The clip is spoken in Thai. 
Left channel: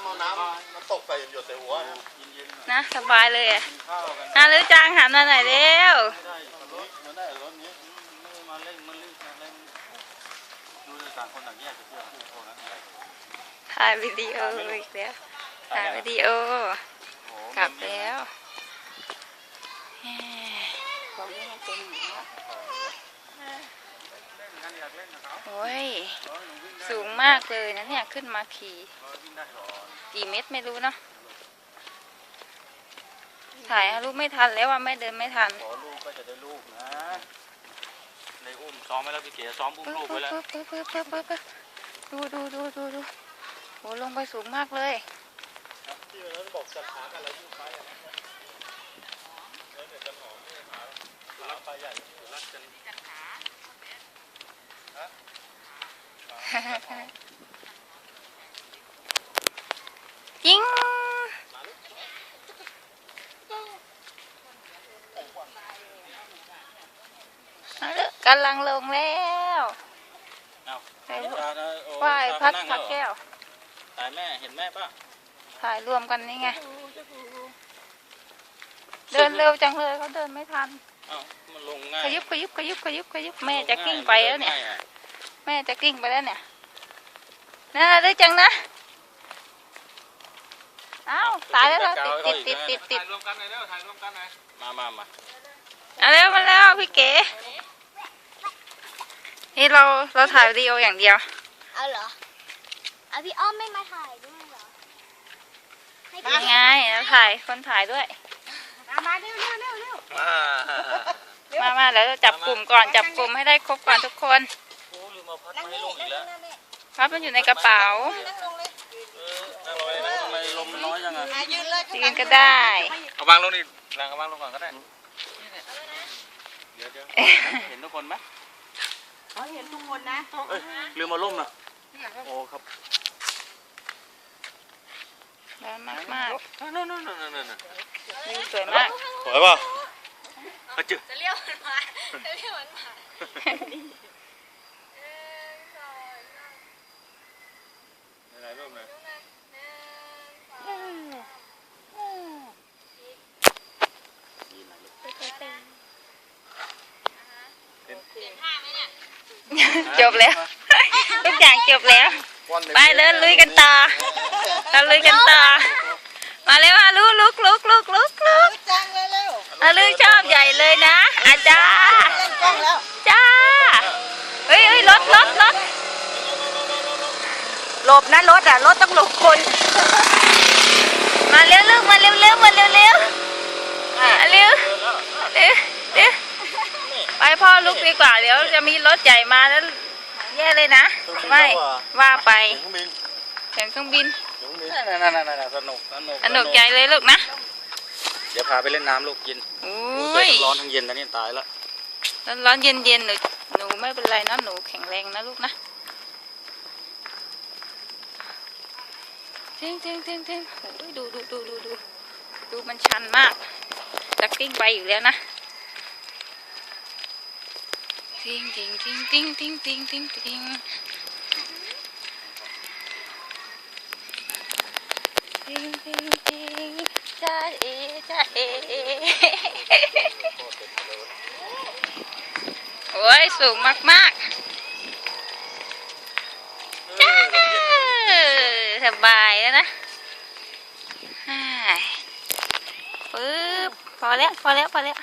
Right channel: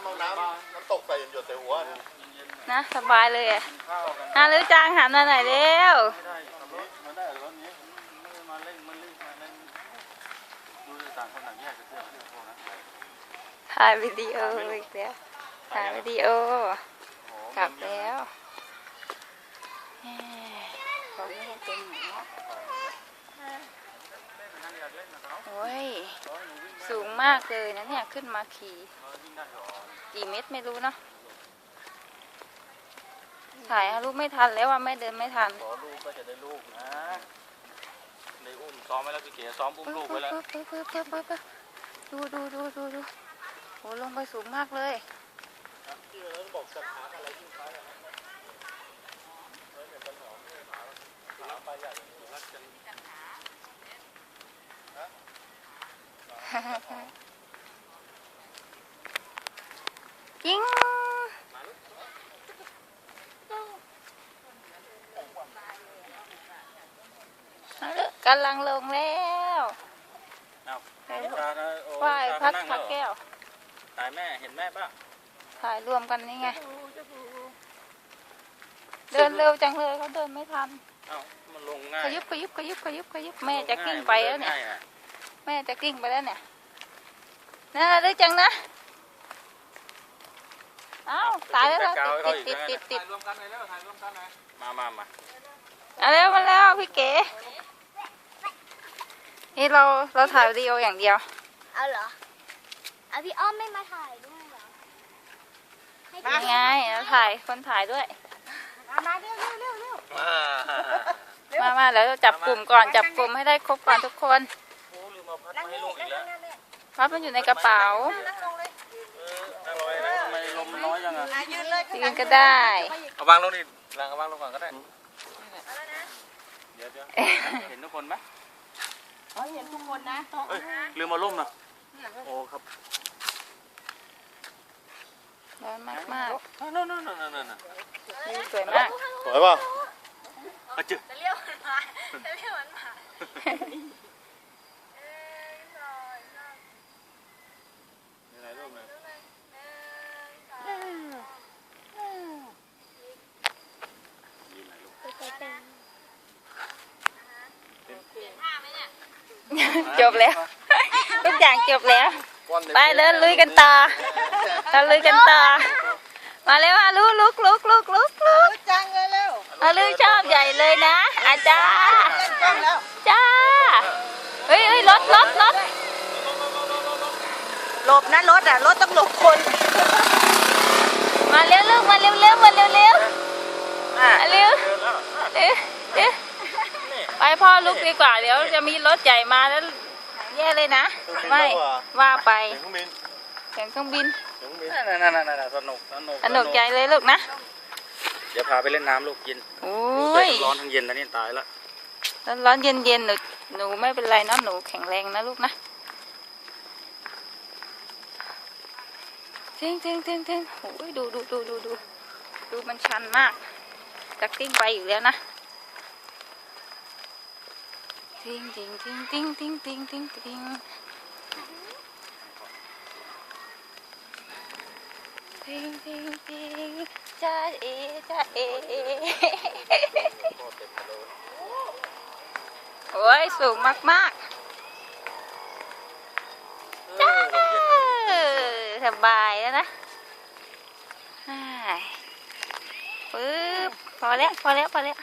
ำเอาน้ำน้ำตกใส่หยดใส่หัวนะนะสบายเลยอะกินข้าวกันน่ารู้จังหันมาหน่อยเร็วไม่ได้ขับรถมันได้รถนี้ไม่ได้มาเร่งมันรีบมาเร่งดูเลยต่างคนต่างแยกกันเที่ยวพวกนั้นอะไรถ่ายวิดีโออีกแล้วถ่ายวิดีโอกลับแล้วของนี่ให้เป็นโอ้ยสูงมากเลยนะเนี่ยขึ้นมาขี่ กี่เมตรไม่รู้เนาะถ่ายรูปไม่ทันแล้วว่าไม่เดินไม่ทันขอลูกก็จะได้ลูกนะในอุ้มซ้อมไว้แล้วพี่เก๋ซ้อมอุ้มปึ๊บลูกปึ๊ไว้บแล้วปึ๊บปึ๊บปึ๊บปึ๊บปึ๊บดูดูดูดูดูโหลงไปสูงมากเลยที่เราบอกจัดหากันอะไรที่ไปอะนะเดี๋ยวต้นหอมนี่ขายขาปลา ใหญ่รักกันจริงเอาละกำลังลงแล้วเอาไปชานะโอ้ไหว้ชาพัดนั่งพัแล้กวแก้วถ่ายแม่เห็นแม่ป่ะถ่ายรวมกันนี่ไง เดินเร็วจังเลยเขาเดินไม่ทันเอ้ามันลงง่ายขยุบขยุบขยุบขยุบขยุบแม่จะกิ้งไปแล้วเนี่ยง่ายอะแม่จะกิ้งไปแล้วเนี่ยน่าได้จังนะเอ้าตายแล้วเราติดติดติดติดถ่ายรวมกันหน่อยเร็วถ่ายรวมกันหน่อยมามามาเอาแล้วมาแล้วพี่เก๋นี่เราเราถ่ายวิดีโออย่างเดียว เอาเหรอเอาพี่อ้อมไม่มาถ่ายด้วยเหรอให้ยังไงเราถ่ายคนถ่ายด้วย มาเร็วเร็วเร็วเร็วมามาแล้วจับกลุ่มก่อนจับกลุ่มให้ได้ครบก่อนทุกคนโอ้ลืมเอาพัดมาให้ลูกอีกแล้วพับมันอยู่ในกระเป๋านั่งลงเลยเออนั่งลอยนั่งทำไม ลมมันน้อยจังอะอะยืนเลยยืนก็ได้ เอาวางลงนี่วางเอาวางลงก่อนก็ได้เดี๋ยวเดี๋ยวเห็นทุกคนไหมเขาเห็นทุกคนนะเอ้ยลืมมาล่มนะโอ้ครับร้อนมากมากนั่นนั่นนั่นนั่นนั่นๆวิวสวยมากสวยป่ะอะจืจะเรียกมันมาจะเรียกมันมา จบแล้ว ทุกอย่างจบแล้ว ไปเลยลุยกันต่อเราลุยกันต่อ มาเร็วอาลุกลุกลุกลุกลุกลุกจังเลยเร็วอาลุชอบใหญ่เลยนะ อาจารย์จ้า เฮ้ยเฮ้ยรถรถรถหลบนะรถอะรถต้องหลบคน มาเร็วลูกมาเร็วเร็วมาเร็วเร็วมาเร็วเร็วเร็ว ไปพ่อลุกดีกว่า เดี๋ยวจะมีรถใหญ่มาแล้ว แย่เลยนะ ไม่ว่าไปเครื่องบินเสียงเครื่องบินเครื่องบินนั่นนั่นนั่นนั่นสนุกสนุกสนุกใหญ่เลยลูกนะ เดี๋ยวพาไปเล่นน้ำลูกกินโอ้เดี๋ยยวทั้งร้อนทั้งเย็นนะนี่ตายละร้อนร้อนเย็นเย็นหนูหนูไม่เป็นไรนะหนูแข็งแรงนะลูกนะทิ้งทิ้งทิ้งทิ้งโอ้ยดูดูดูดูดูดูมันชันมากจะกลิ้งไปอยู่แล้วนะ ทิ้งทิ้งทิ้งทิ้งทิ้งทิ้งทิ้งทิ้งทิ้งทิ้งทิ้งจ้าเอจ้าเอโอ้ยสูงมากๆจ้าสบายแล้วนะฮ่าปึ๊บพอแล้วพอแล้วพอแล้ว